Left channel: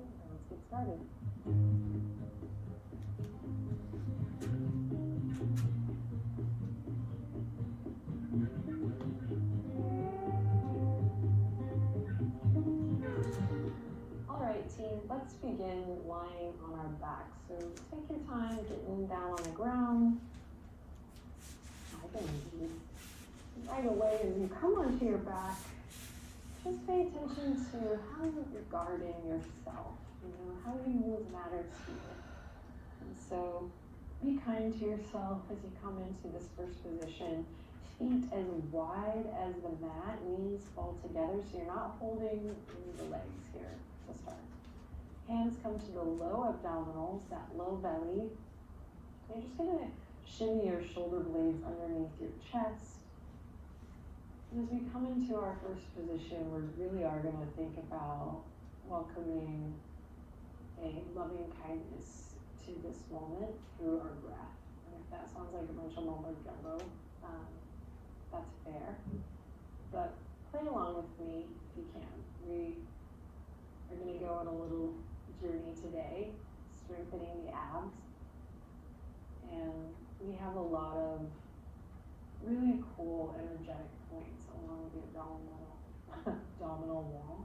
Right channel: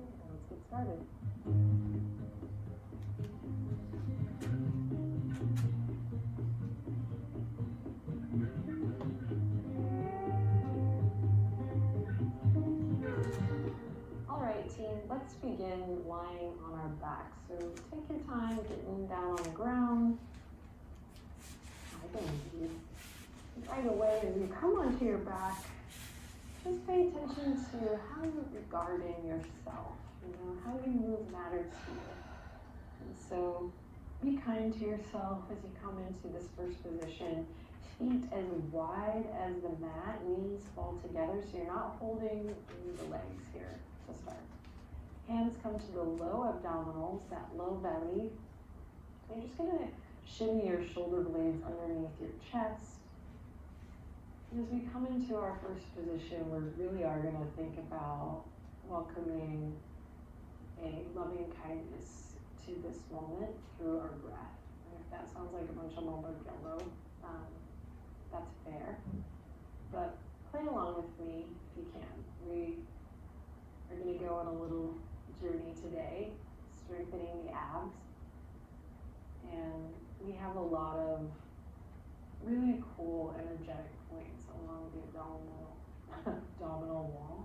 and let's get started. Alright team, let's begin lying on our back. So take your time getting down on the ground. Right away as you come onto your back, just pay attention to how you're regarding yourself. How you move matters to you. And so be kind to yourself as you come into this first position. Feet as wide as the mat, knees fall together so you're not holding the legs here to start. Hands come to the low abdominals, that low belly. You're just going to shimmy your shoulder blades underneath your chest. And as we come into our first position, we really are going to think about welcoming a loving kindness to this moment through our breath. And if that sounds like a bunch of mumbo jumbo, that's fair. But play along with me if you can. We are going to go on a little journey today, strengthening the abs. And we have a lot of really cool energetic points along the abdominal wall.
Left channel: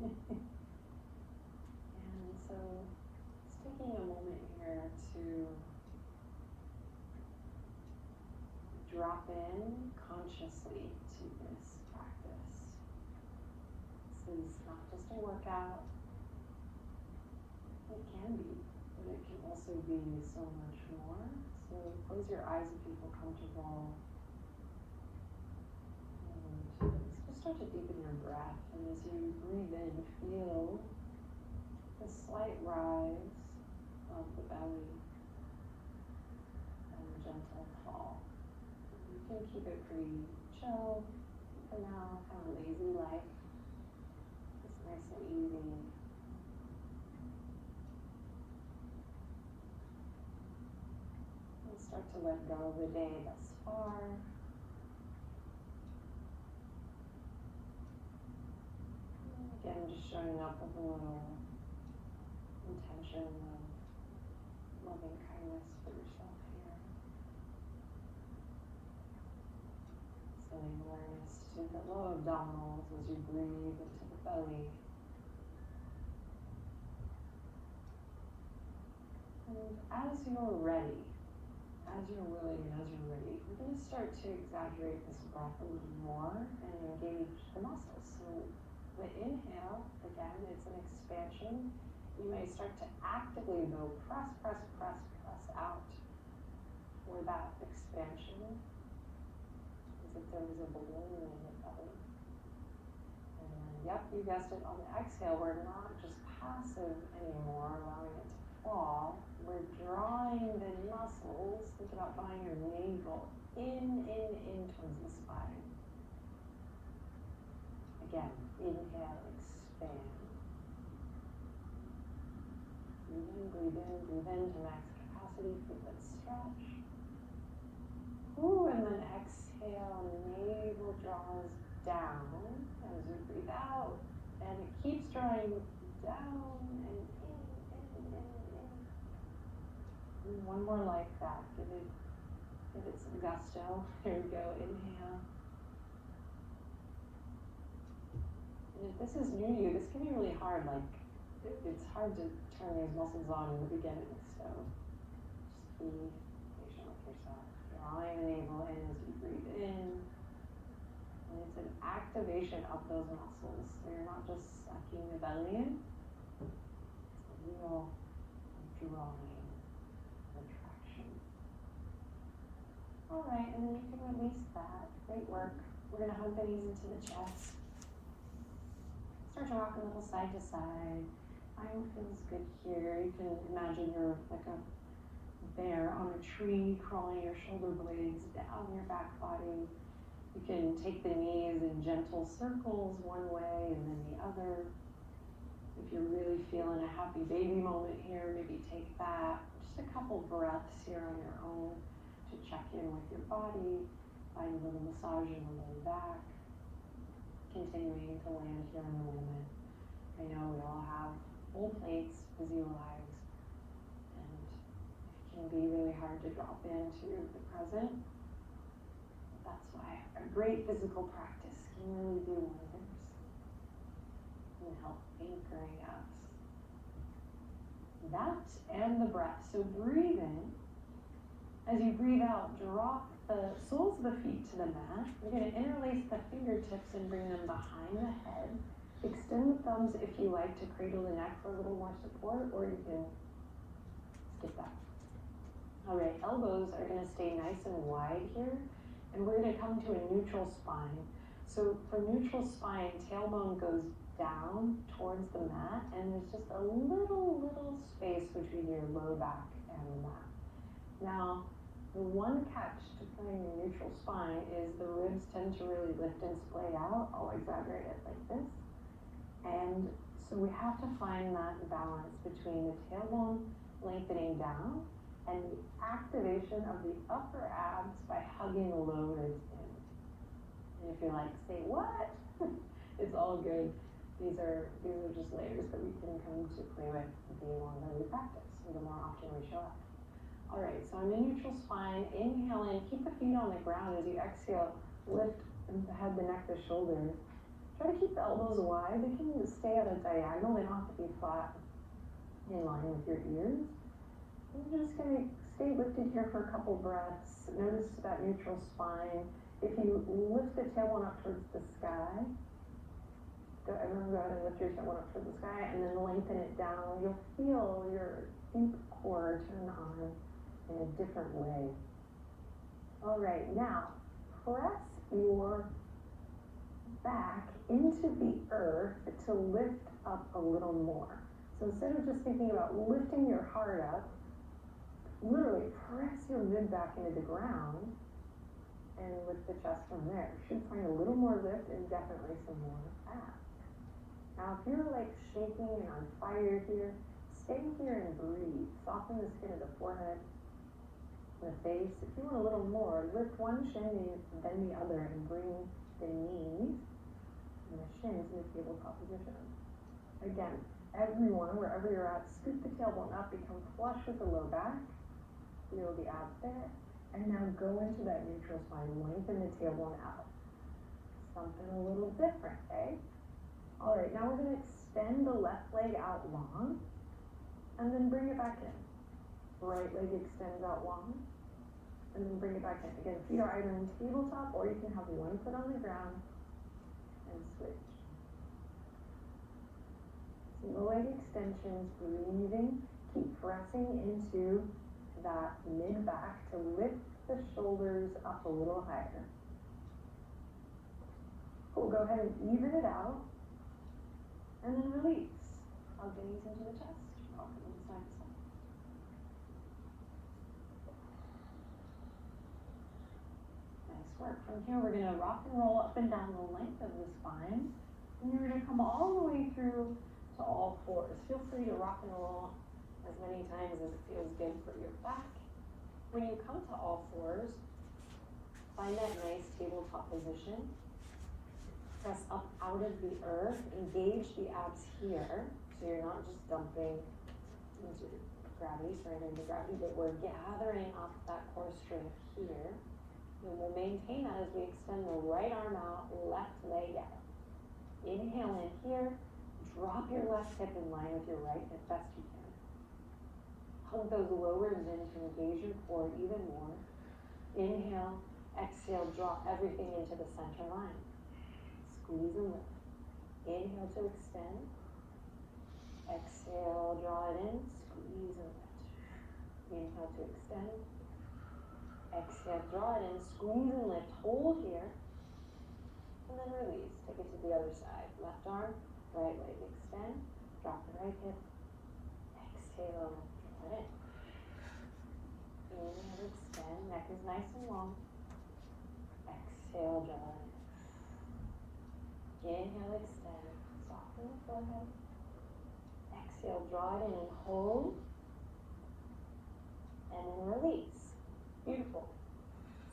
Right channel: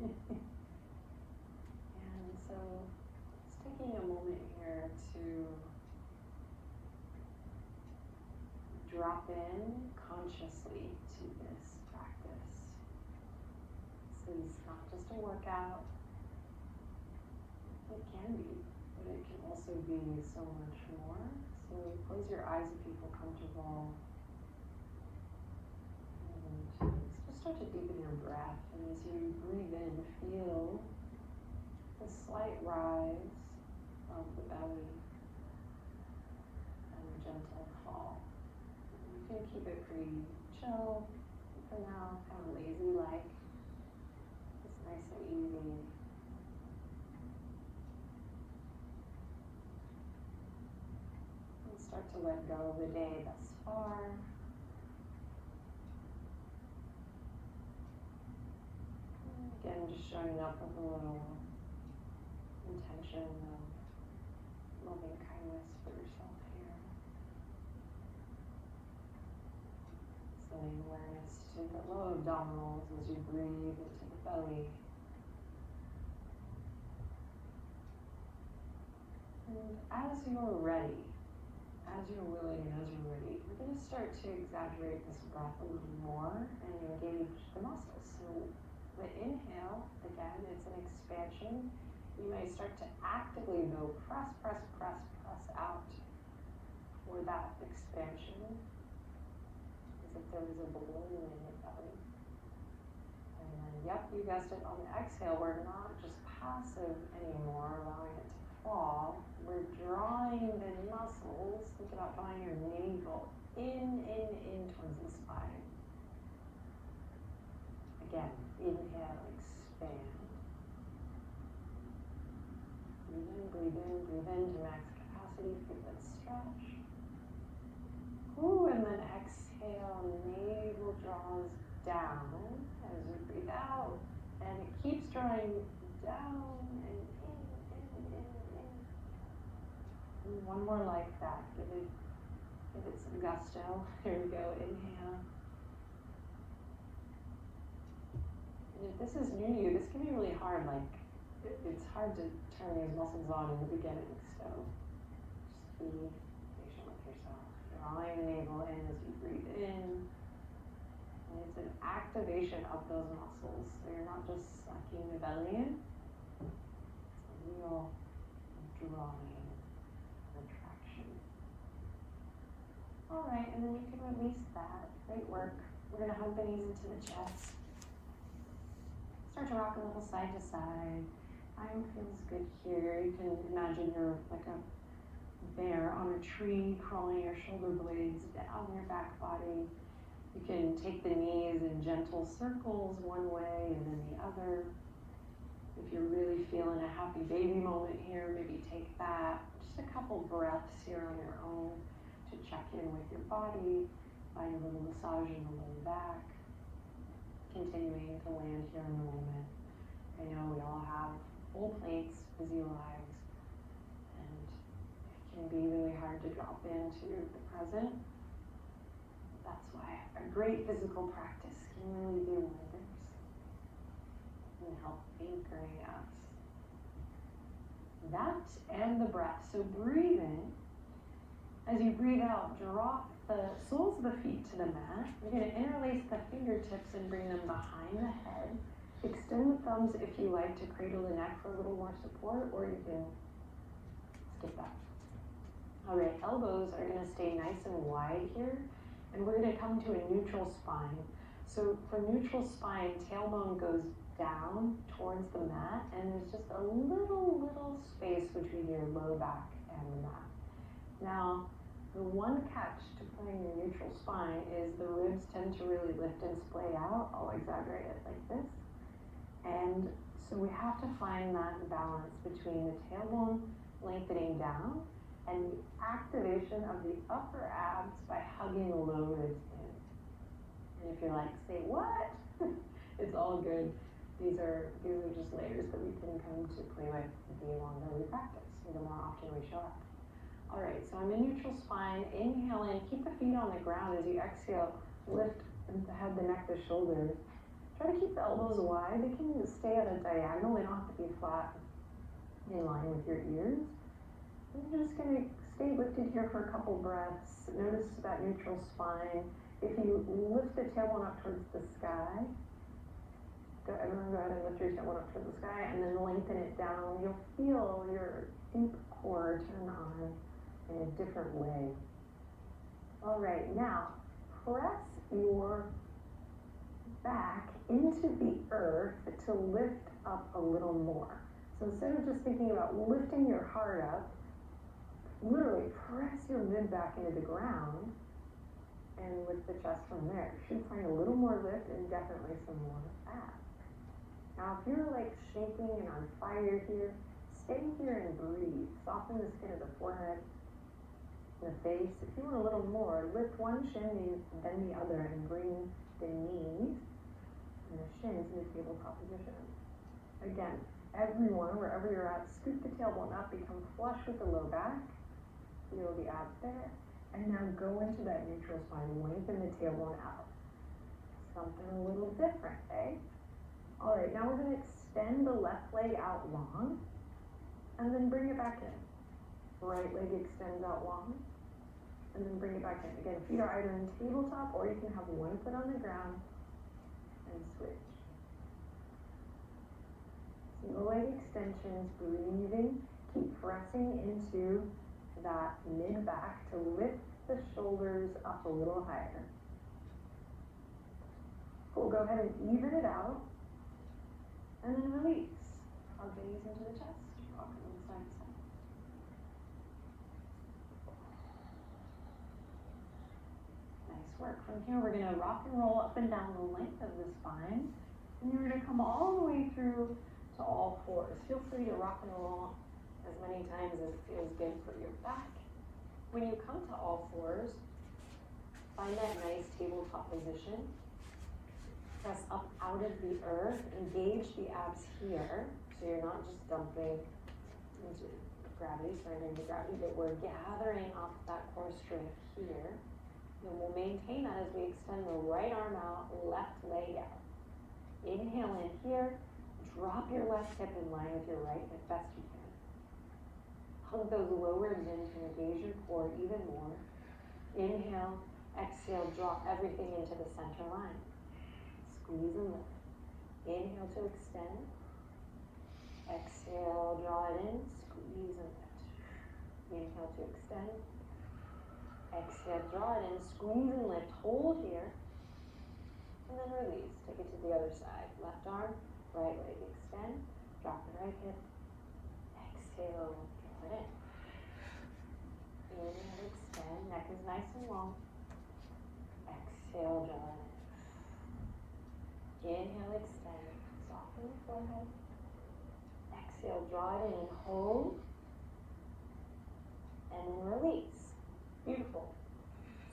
And so it's taking a moment here to drop in consciously to this practice. This is not just a workout. It can be, but it can also be so much more. So close your eyes if you feel comfortable. And just start to deepen your breath. And as you breathe in, feel the slight rise of the belly and a gentle fall. You can keep it pretty chill for now, kind of lazy-like. It's nice and easy. Start to let go of the day thus far. Again, just showing up with a little intention of loving kindness for yourself here. Sending awareness to the low abdominals as you breathe into the belly. And as you're ready, as you're willing and as you're ready, we're going to start to exaggerate this breath a little more and engage the muscles. So the inhale, again, it's an expansion. You may start to actively though press out for that expansion as if there was a balloon in your belly. And then, yep, you guessed it, on the exhale, we're not just passive anymore, allowing it to fall. We're drawing the muscles. Think about drawing your navel in towards the spine. Again, inhale, expand. Breathe in to max capacity, feel that stretch. Ooh, and then exhale, navel draws down as you breathe out. And it keeps drawing down and in. One more like that. Give it some gusto. Here we go. Inhale. And if this is new to you, this can be really hard. Like it's hard to turn these muscles on in the beginning. So just be patient with yourself. Drawing the navel in as you breathe in. And it's an activation of those muscles. So you're not just sucking the belly in. It's a real drawing. Alright, and then you can release that. Great work. We're going to hug the knees into the chest. Start to rock a little side to side. Arm feels good here. You can imagine you're like a bear on a tree, crawling your shoulder blades down your back body. You can take the knees in gentle circles one way and then the other. If you're really feeling a happy baby moment here, maybe take that. Just a couple breaths here on your own. To check in with your body, find a little massage in the lower back, continuing to land here in the moment I know we all have full plates, busy lives, and it can be really hard to drop into the present. That's why a great physical practice can really do wonders and help anchoring us. That and the breath. So breathe in. As you breathe out, drop the soles of the feet to the mat. You're going to interlace the fingertips and bring them behind the head. Extend the thumbs if you like to cradle the neck for a little more support, or you can skip that. All right, elbows are going to stay nice and wide here, and we're going to come to a neutral spine. So for neutral spine, tailbone goes down towards the mat, and there's just a little space between your low back and the mat. Now, the one catch to forming your neutral spine is the ribs tend to really lift and splay out. I'll exaggerate it like this. And so we have to find that balance between the tailbone lengthening down and the activation of the upper abs by hugging the low ribs in. And if you're like, say what? It's all good. These are just layers that we can come to play with the longer we practice, or the more often we show up. All right, so I'm in neutral spine. Inhale in, keep the feet on the ground. As you exhale, lift the head, the neck, the shoulders. Try to keep the elbows wide. They can stay at a diagonal. They don't have to be flat in line with your ears. And you're just going to stay lifted here for a couple breaths. Notice that neutral spine. If you lift the tailbone up towards the sky, go ahead and lift your tailbone up towards the sky, and then lengthen it down. You'll feel your deep core turn on in a different way. All right, now press your back into the earth to lift up a little more. So instead of just thinking about lifting your heart up, literally press your mid back into the ground and lift the chest from there. You should find a little more lift and definitely some more back. Now if you're like shaking and on fire here, stay here and breathe. Soften the skin of the forehead, the face. If you want a little more, lift one shin and bend the other and bring the knees and the shins in the tabletop position. Again, everyone, wherever you're at, scoop the tailbone up, become flush with the low back. Feel the abs there. And now go into that neutral spine, lengthen the tailbone out. Something a little different, eh? All right, now we're going to extend the left leg out long, and then bring it back in. Right leg extends out long, and then bring it back in. Again, feet are either in tabletop, or you can have one foot on the ground, and switch. So the leg extensions, breathing, keep pressing into that mid-back to lift the shoulders up a little higher. We'll go ahead and even it out, and then release. Hug the knees into the chest, rock from side to side. Nice work. From here, we're going to rock and roll up and down the length of the spine, and you're going to come all the way through to all fours. Feel free to rock and roll as many times as it feels good for your back. When you come to all fours, find that nice tabletop position. Press up out of the earth, engage the abs here, so you're not just dumping into gravity, surrendering to gravity, but we're gathering off that core strength here. And we'll maintain that as we extend the right arm out, left leg out. Inhale in here, drop your left hip in line with your right as best you can. Hug those lower ribs in to engage your core even more. Inhale, exhale, drop everything into the center line. Squeeze and lift. Inhale to extend. Exhale, draw it in, squeeze and lift. Inhale to extend. Exhale, draw it in, squeeze and lift. Hold here. And then release. Take it to the other side. Left arm, right leg extend. Drop the right hip. Exhale, draw it in. Inhale, extend. Neck is nice and long. Exhale, draw it in. Inhale, extend. Soften the forehead. Exhale, draw it in. Hold. And release. Beautiful.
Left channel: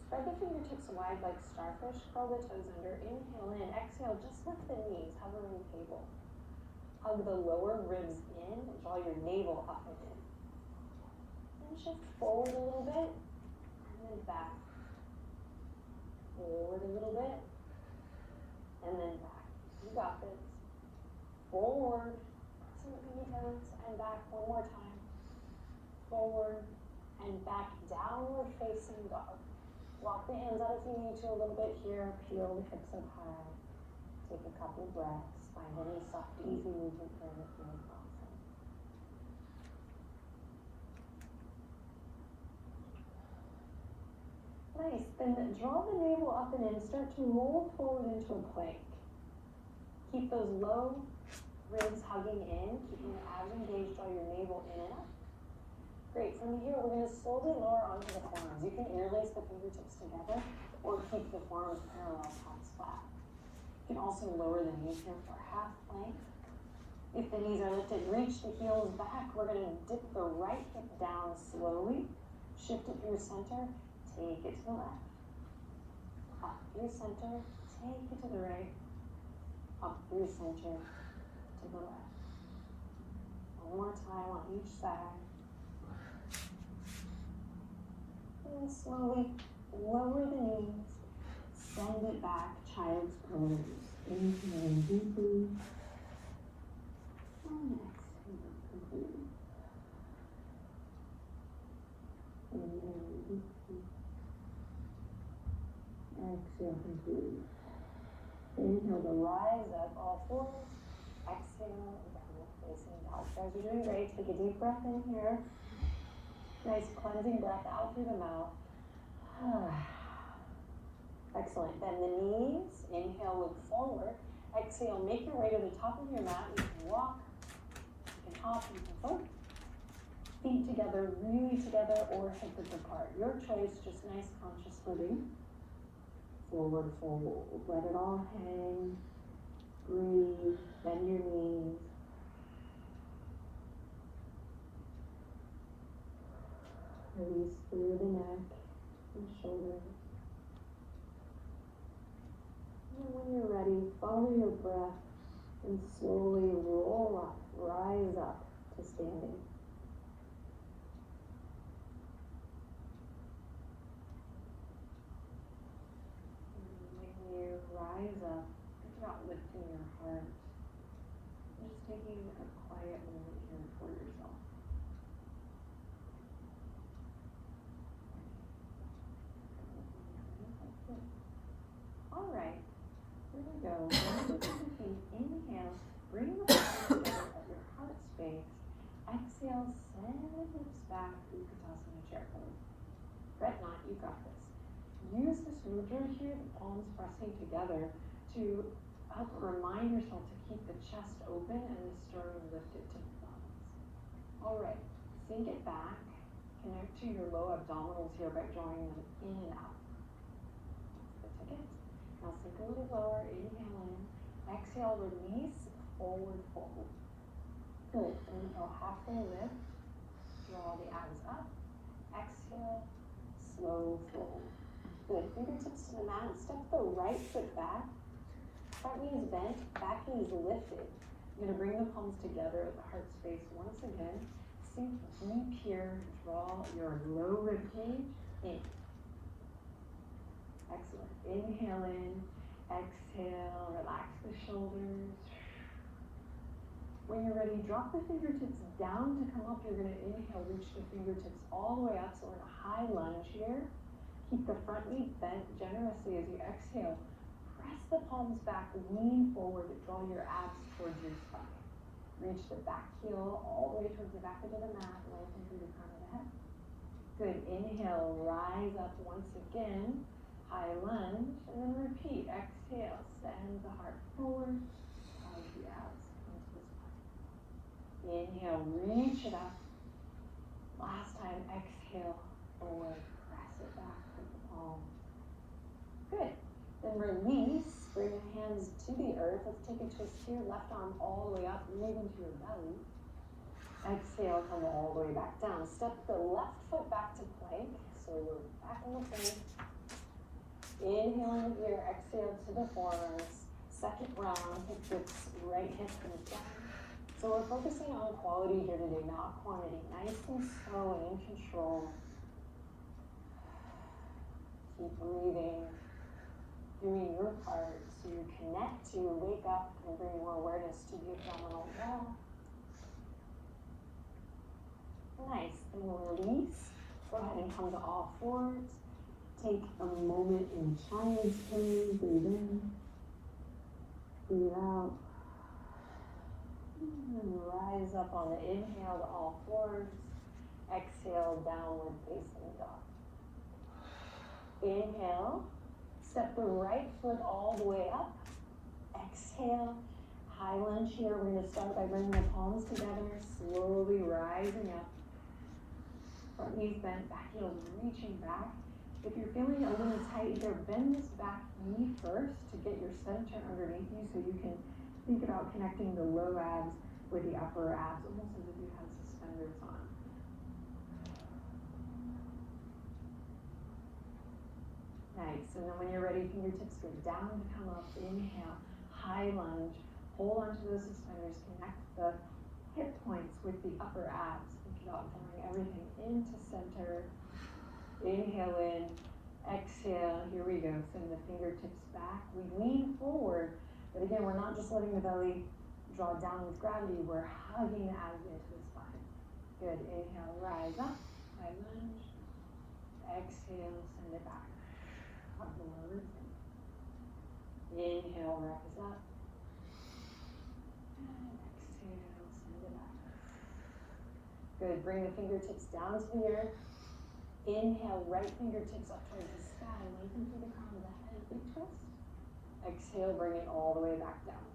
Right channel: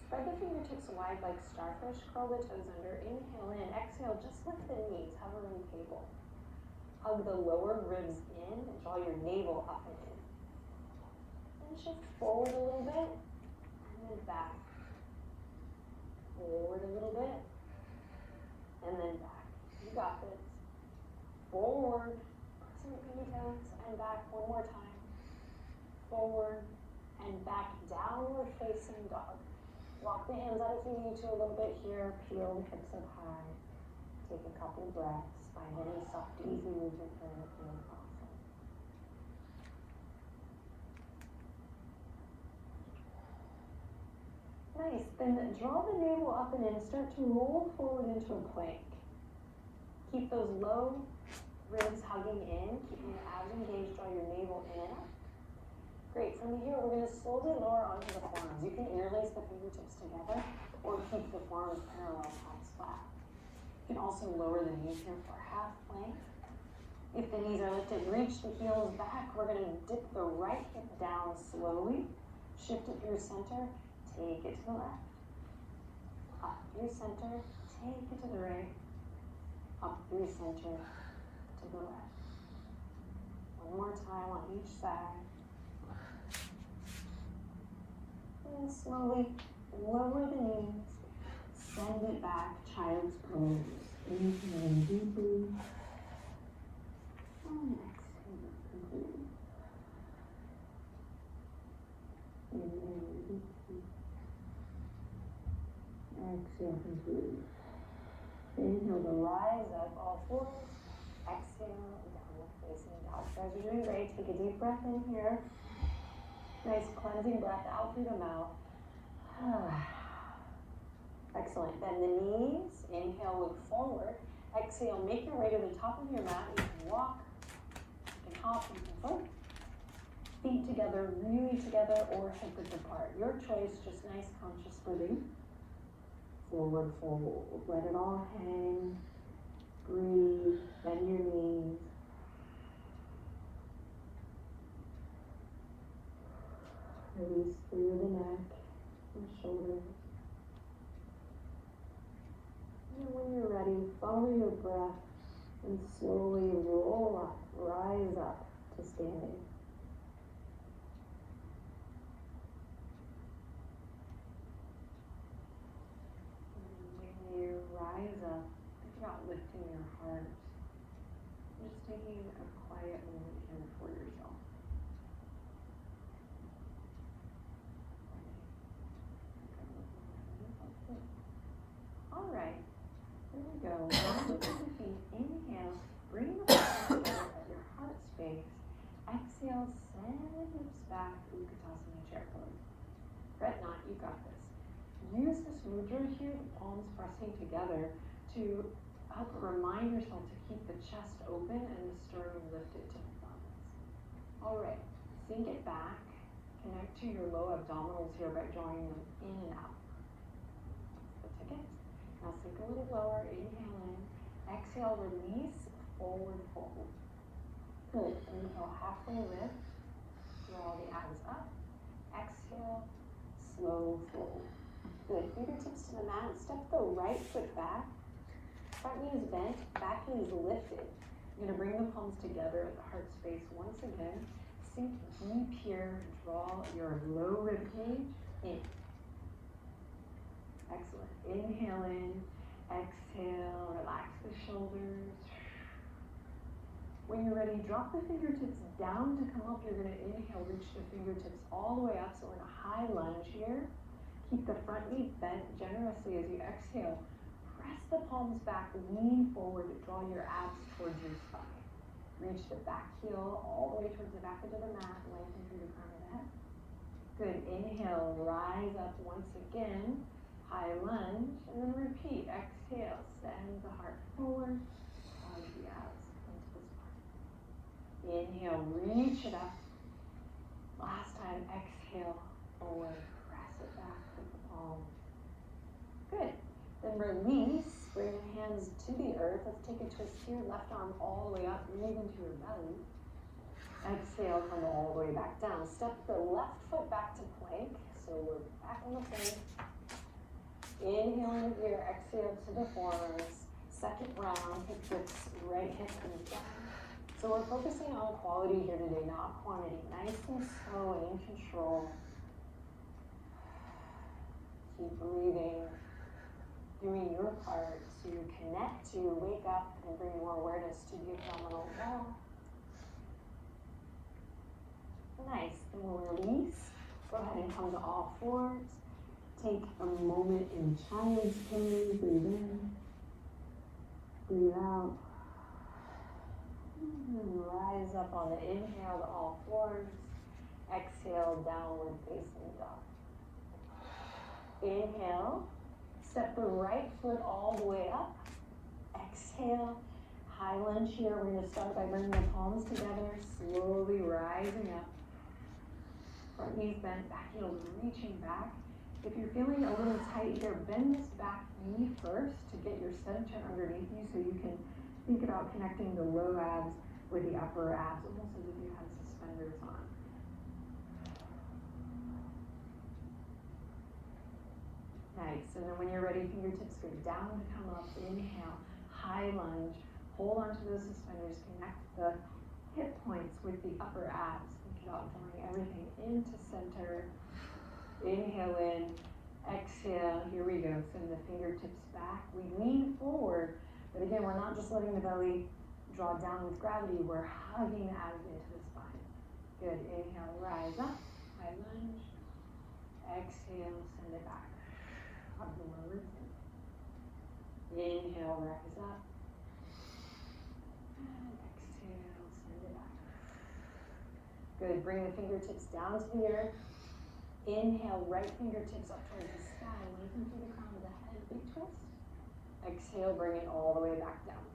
Spread the fingertips wide like starfish. Curl the toes under. Inhale in. Exhale, just lift the knees. Hovering table. Hug the lower ribs in and draw your navel up and in. And shift forward a little bit, and then back. Forward a little bit, and then back. You got this. Forward, press your fingertips, and back one more time. Forward, and back, downward facing dog. Walk the hands out if you need to a little bit here. Peel the hips up high. Take a couple breaths. Find any soft, easy movement for your feeling awesome. Nice. Then draw the navel up and in. Start to roll forward into a plank. Keep those low ribs hugging in. Keep your abs engaged. Draw your navel in. Great. From here, we're going to slowly lower onto the forearms. You can interlace the fingertips together or keep the forearms parallel, palms flat. You can also lower the knees here for half plank. If the knees are lifted, reach the heels back. We're going to dip the right hip down slowly. Shift it through center. Take it to the left. Up through center. Take it to the right. Up through center to the left. One more time on each side. And slowly lower the knees, send it back, child's pose. Inhaling deeply. And exhale completely. Inhaling deeply. Exhale completely. Inhale to rise up all fours. Exhale and come up facing dog. Guys, you're doing great. Take a deep breath in here. Nice cleansing breath out through the mouth. Excellent. Then the knees, inhale, look forward. Exhale, make your way to the top of your mat. You can walk, you can hop, you can float. Feet together, really together, or hips apart. Your choice, just nice conscious footing. Forward fold. Let it all hang. Breathe. Bend your knees. Release through the neck and shoulders. And when you're ready, follow your breath and slowly roll up, rise up to standing. And when you rise up, not lifting your heart, just taking a quiet moment in for yourself. All right, here we go. Inhale, bring the hands out at your heart space. Exhale, send the hips back. Utkatasana chair pose. Fret not, you got this. Use this mudra here, the palms pressing together, to remind yourself to keep the chest open and the sternum lifted to the thumbs. All right, sink it back. Connect to your low abdominals here by drawing them in and out. Now sink a little lower, inhale in, exhale, release, forward fold. Good, inhale, halfway lift, draw the abs up, exhale, slow fold. Good, fingertips to the mat, step the right foot back, front knee is bent, back knee is lifted. You're gonna bring the palms together at the heart space once again, sink deep here, draw your low rib cage in. Excellent. Inhale in, exhale, relax the shoulders. When you're ready, drop the fingertips down to come up. You're going to inhale, reach the fingertips all the way up. So in a high lunge here, keep the front knee bent generously as you exhale. Press the palms back, lean forward, draw your abs towards your spine. Reach the back heel all the way towards the back of the mat, lengthen through the front of the head. Good. Inhale, rise up once again. High lunge, and then repeat. Exhale, send the heart forward, hug the abs into the spine. Inhale, reach it up. Last time, exhale, forward, press it back with the palm. Good. Then release, bring your hands to the earth. Let's take a twist here, left arm all the way up, move into your belly. Exhale, come all the way back down. Step the left foot back to plank, so we're back on the plank. Inhale with your exhale to the forearms. Second round, hip dips, right hip comes down. So we're focusing on quality here today, not quantity. Nice and slow and in control. Keep breathing, doing your part to connect, to wake up and bring more awareness to the abdominal wall. Nice, and we'll release. Go ahead and come to all fours. Take a moment in child's pose. Breathe in, breathe out. Rise up on the inhale to all fours. Exhale, downward facing dog. Inhale, step the right foot all the way up. Exhale, high lunge here. We're going to start by bringing the palms together, slowly rising up. Front knees bent, back heels reaching back. If you're feeling a little tight here, bend this back knee first to get your center underneath you so you can think about connecting the low abs with the upper abs, almost as if you have suspenders on. Nice, so then when you're ready, fingertips go down to come up. Inhale, high lunge. Hold on to the suspenders, connect the hip points with the upper abs. Think about drawing everything into center. Inhale in, exhale, here we go. Send the fingertips back. We lean forward, but again, we're not just letting the belly draw down with gravity, we're hugging the abs into the spine. Good, inhale, rise up, high lunge. Exhale, send it back. Hug the lower ribs in. Inhale, rise up. And exhale, send it back. Good, bring the fingertips down to the earth. Inhale, right fingertips up towards the sky, looking through the crown of the head, big twist. Exhale, bring it all the way back down.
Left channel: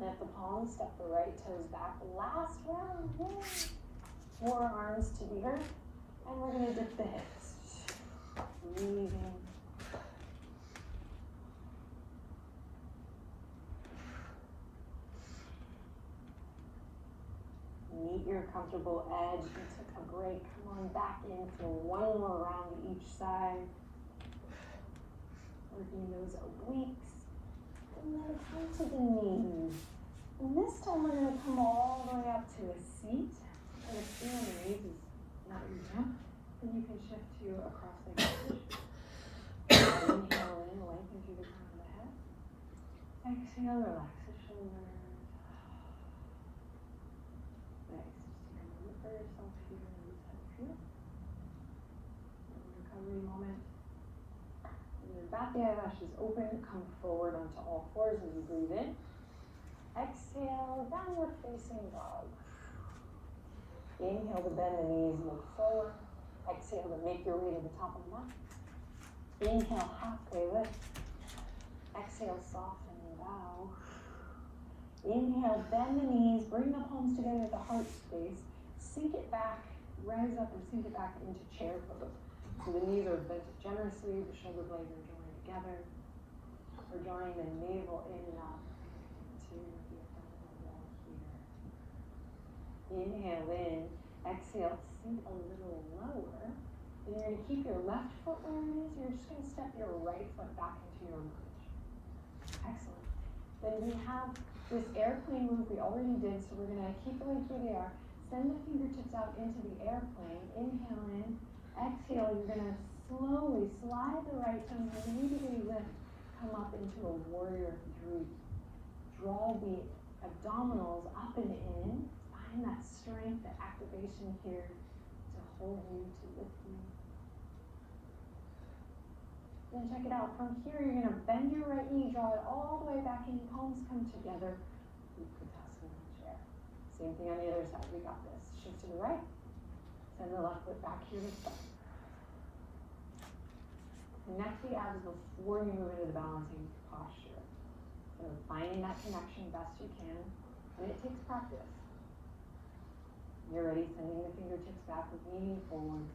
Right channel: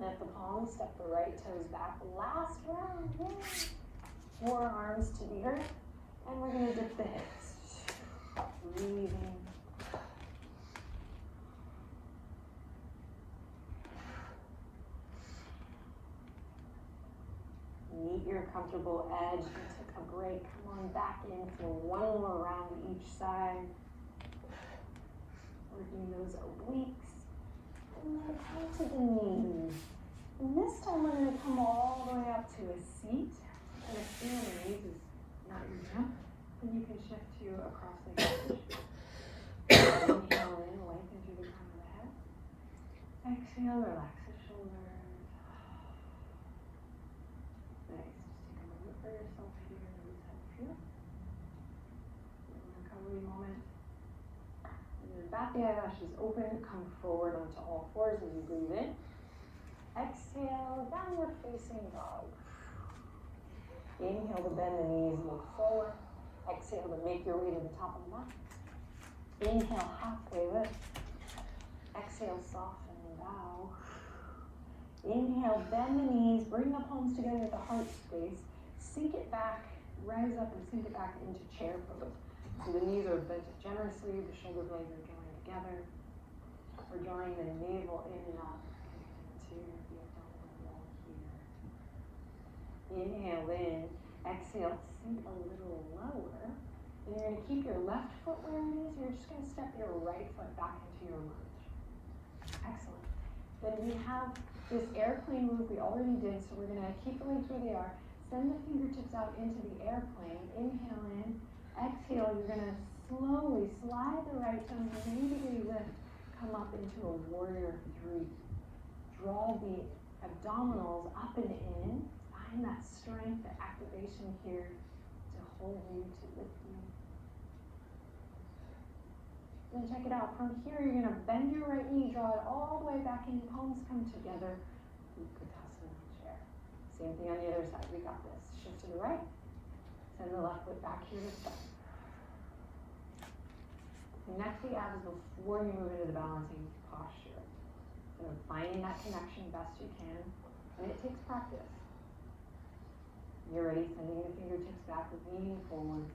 Let the palms step the right toes back. Last round, yay. Forearms to the earth, and we're gonna dip the hips. Breathing. Meet your comfortable edge. You took a break. Come on back in for one more round each side. Working those obliques. And then come to the knees. And this time we're going to come all the way up to a seat. And if your knees is not your jump, then you can shift to across the position. Inhale in, lengthen through the crown of the head. Exhale, relax the shoulders. Nice. Just take a moment for yourself here. Reset here. Recovery moment. Bat the eyelashes open, come forward onto all fours as you breathe in. Exhale, downward facing dog. Inhale to bend the knees, look forward. Exhale to make your way to the top of the mat. Inhale, halfway lift. Exhale, soften and bow. Inhale, bend the knees, bring the palms together at the heart space. Sink it back, rise up and sink it back into chair pose. So the knees are bent generously, the shoulder blades are joined together. We're drawing the navel in and out into the abdominal wall here. Inhale in, exhale, sink a little lower. And you're going to keep your left foot where it is. You're just going to step your right foot back into your lunge. Excellent. Then we have this airplane move we already did, so we're going to keep the legs where they are. Send the fingertips out into the airplane. Inhale in. Exhale, you're going to slowly slide the right thumb, immediately lift, come up into a warrior three. Draw the abdominals up and in. Find that strength, the activation here to hold you, to lift you. Then check it out. From here, you're going to bend your right knee, draw it all the way back in, palms come together. Utkatasana chair. Same thing on the other side. We got this. Shift to the right. Send the left foot back here. Connect the abs before you move into the balancing posture. So finding that connection best you can, and it takes practice. You're ready, sending the fingertips back with leaning forward.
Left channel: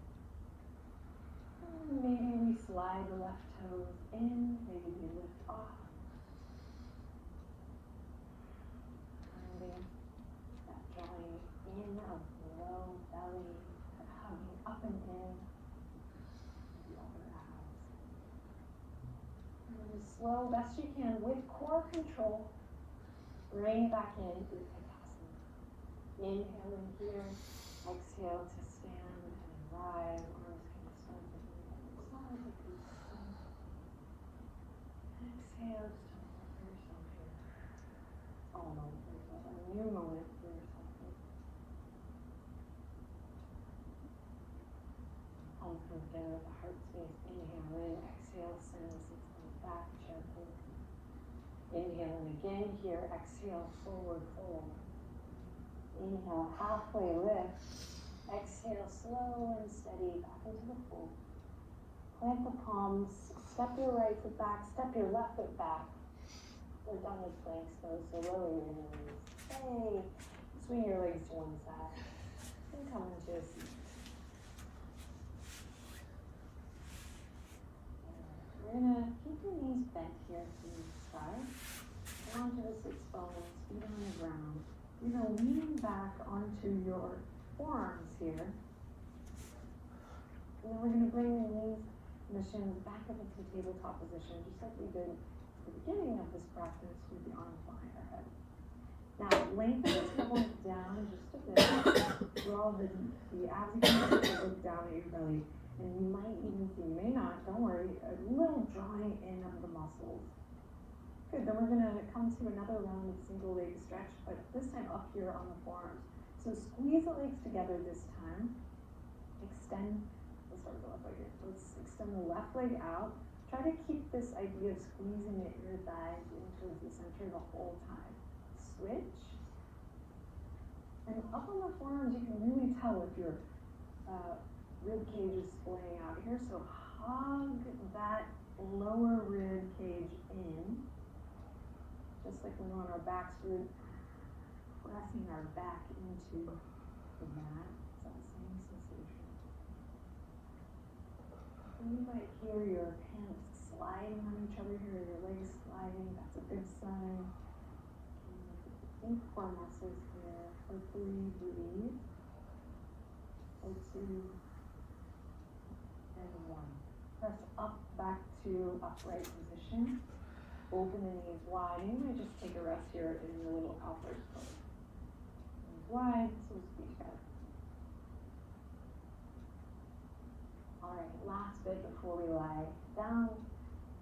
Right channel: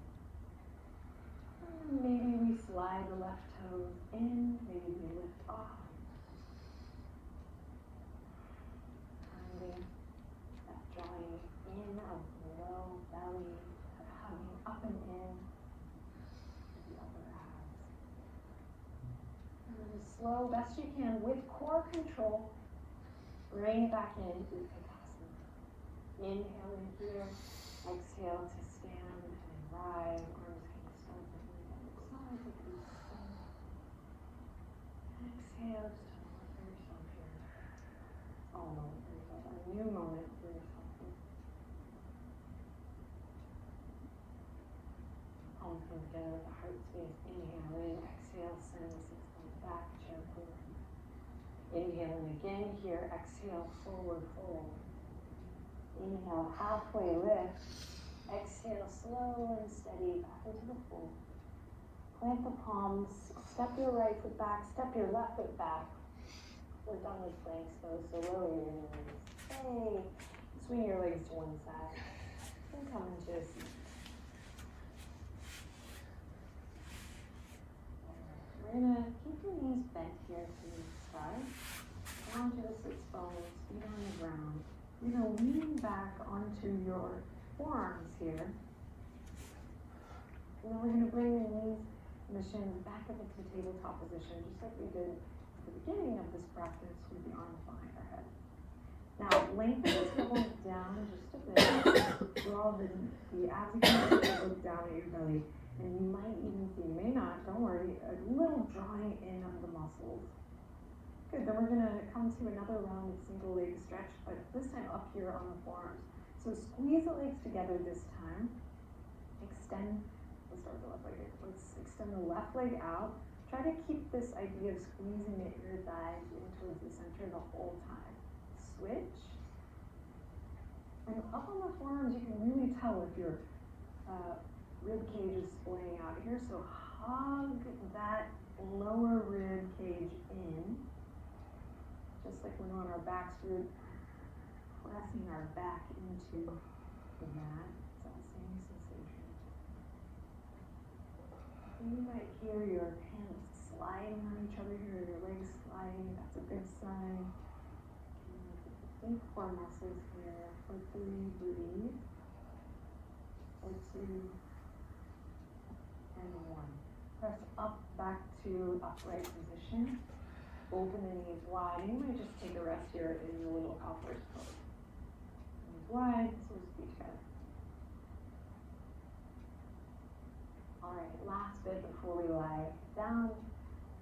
And maybe we slide the left toes in, maybe we lift off. Finding that drawing in of the low belly, coming up and in. Slow, best you can, with core control, bring it back in. Inhale in here. Exhale to stand and rise. Arms can extend to the other side. You can extend. Exhale, just to yourself here. Oh, a new moment for yourself. Palms come together, the heart space. Inhale in, exhale, send the sits bones back gently. Inhale in again here, exhale, forward fold. Inhale, halfway lift. Exhale, slow and steady, up into the fold. Plant the palms, step your right foot back, step your left foot back. We're done with planks though, so lower your knees. Hey, swing your legs to one side. And come into a seat. We're gonna keep your knees bent here to start. Onto the sits bones, feet on the ground. You're gonna lean back onto your forearms here. And then we're gonna bring your knees and the shins back up into tabletop position, just like we did at the beginning of this practice with the arms behind our head. Now, lengthen the tailbone down just a bit. Draw the abs again, look down at your belly. And you might even see, you may not, don't worry, a little drawing in of the muscles. Good, then we're gonna come to another round of single leg stretch, but this time up here on the forearms. So squeeze the legs together this time. Extend, let's start the left leg. Let's extend the left leg out. Try to keep this idea of squeezing the inner thighs in towards the center the whole time. Switch. And up on the forearms, you can really tell if your rib cage is splaying out here. So hug that lower rib cage in. Just like when we're on our backs, we're pressing our back into the mat. It's that same sensation. And you might hear your hands sliding on each other here, your legs sliding. That's a good sign. Deep core muscles here. Hopefully breathe. Or two. And one. Press up back to upright position. Open the knees wide. You might just take a rest here in your little outward fold. Knees wide, so feet together. Alright, last bit before we lie down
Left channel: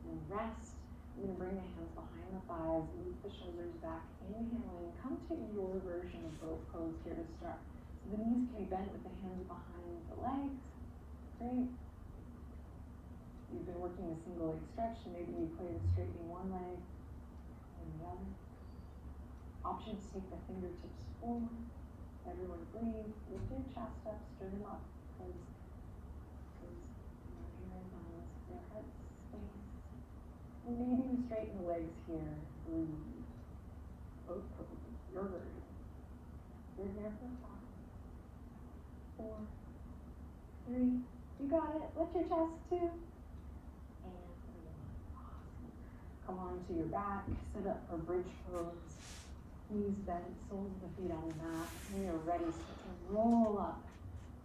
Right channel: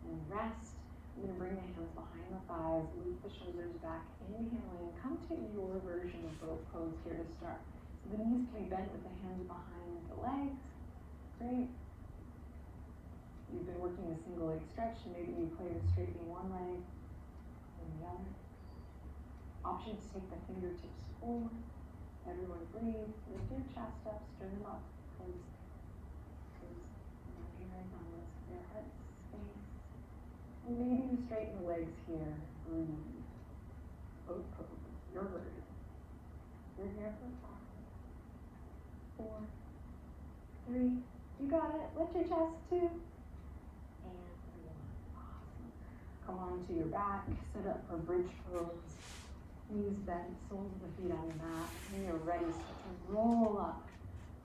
and rest. You're going to bring the hands behind the thighs, loop the shoulders back. Inhale in. Come to your version of both pose here to start. So the knees can be bent with the hands behind the legs. Great. You've been working a single leg stretch, so maybe you play to straighten one leg and the other. Option to take the fingertips forward. Everyone breathe. Lift your chest up, sternum up. Please. Your hearing on this, your heart space. And maybe you straighten the legs here. Breathe. Both poses. Your version. You're here for 5, 4, 3. You got it. Lift your chest 2. Come onto your back, sit up for bridge pose, knees bent, soles of the feet on the mat. When you're ready, start to roll up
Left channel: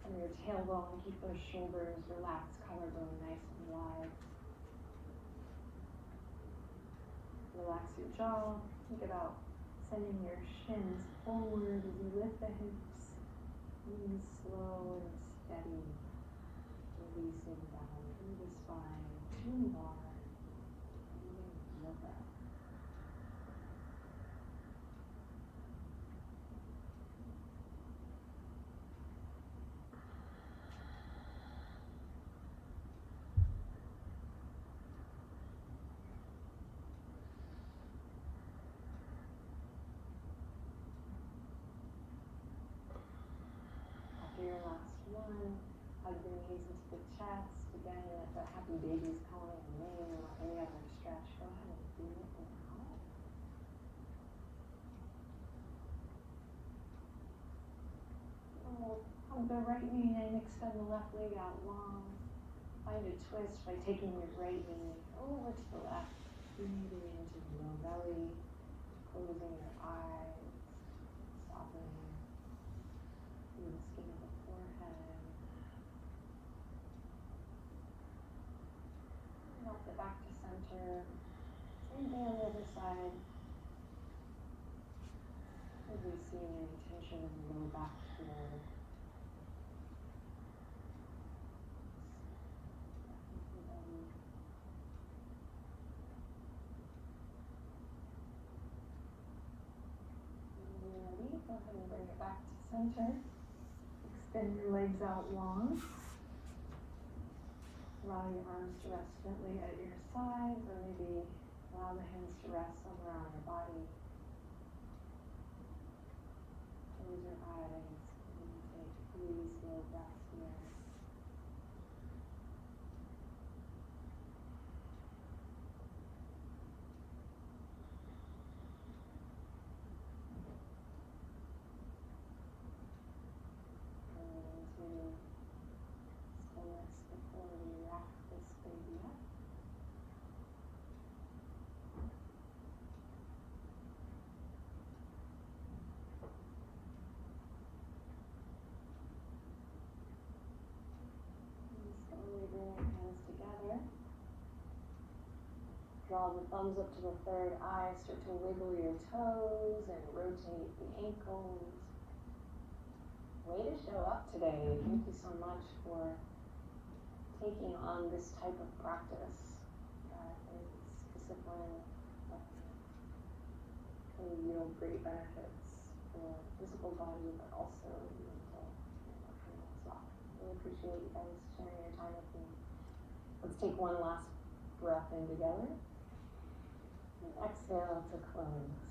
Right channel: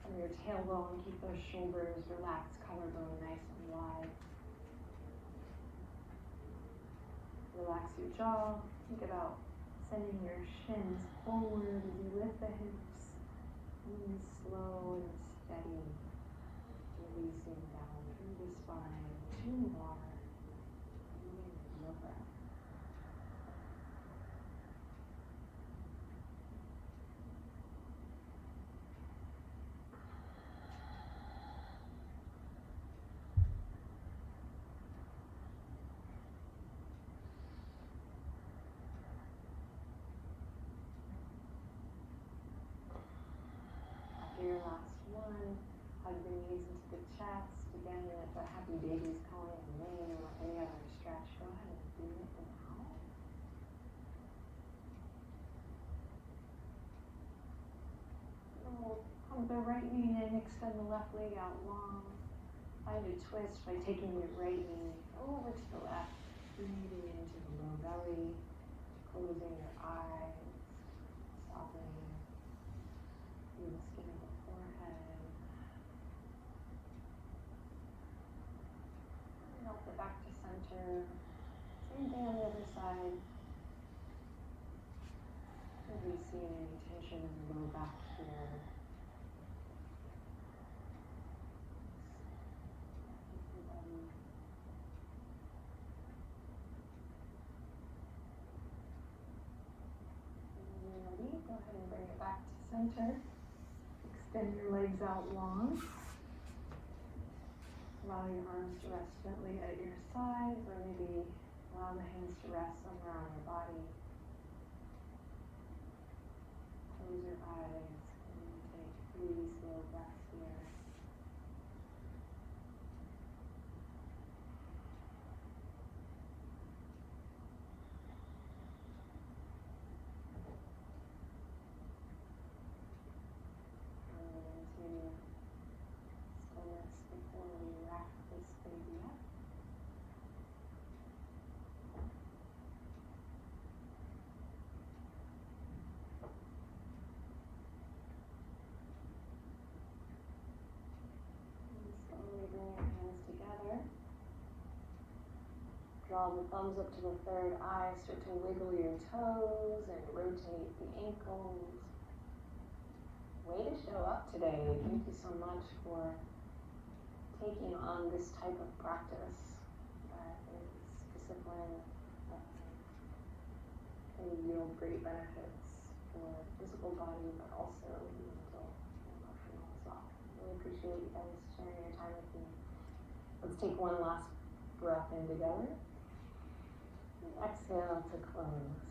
from your tailbone, keep those shoulders relaxed, collarbone nice and wide. Relax your jaw, think about sending your shins forward as you lift the hips, knees slow and steady, releasing down through the spine. 2 more. Your last one, hug the knees into the chest. Again, if the happy baby's calling and laying your hair and stretch, go ahead and do it now. Hug the right knee in, extend the left leg out long. Find a twist by taking your right knee over to the left, breathing into the low belly, closing your eyes, softening through the skin of the forehead. Rock it back to center. Same thing on the other side. Releasing any tension tension in the low back here. Ready? Go ahead and bring it back to center. Extend your legs out long. Allow your arms to rest gently at your sides, or maybe allow the hands to rest somewhere on your body. Close your eyes and take 3 slow breaths here. Before we wrap this baby up. And slowly bring your hands together. Draw the thumbs up to the third eye. Start to wiggle your toes and rotate the ankles. Way to show up today. Thank you so much for taking on this type of practice that is discipline that can yield great benefits for physical body, but also mental and emotional as well. I really appreciate you guys sharing your time with me. Let's take one last breath in together. And exhale to close.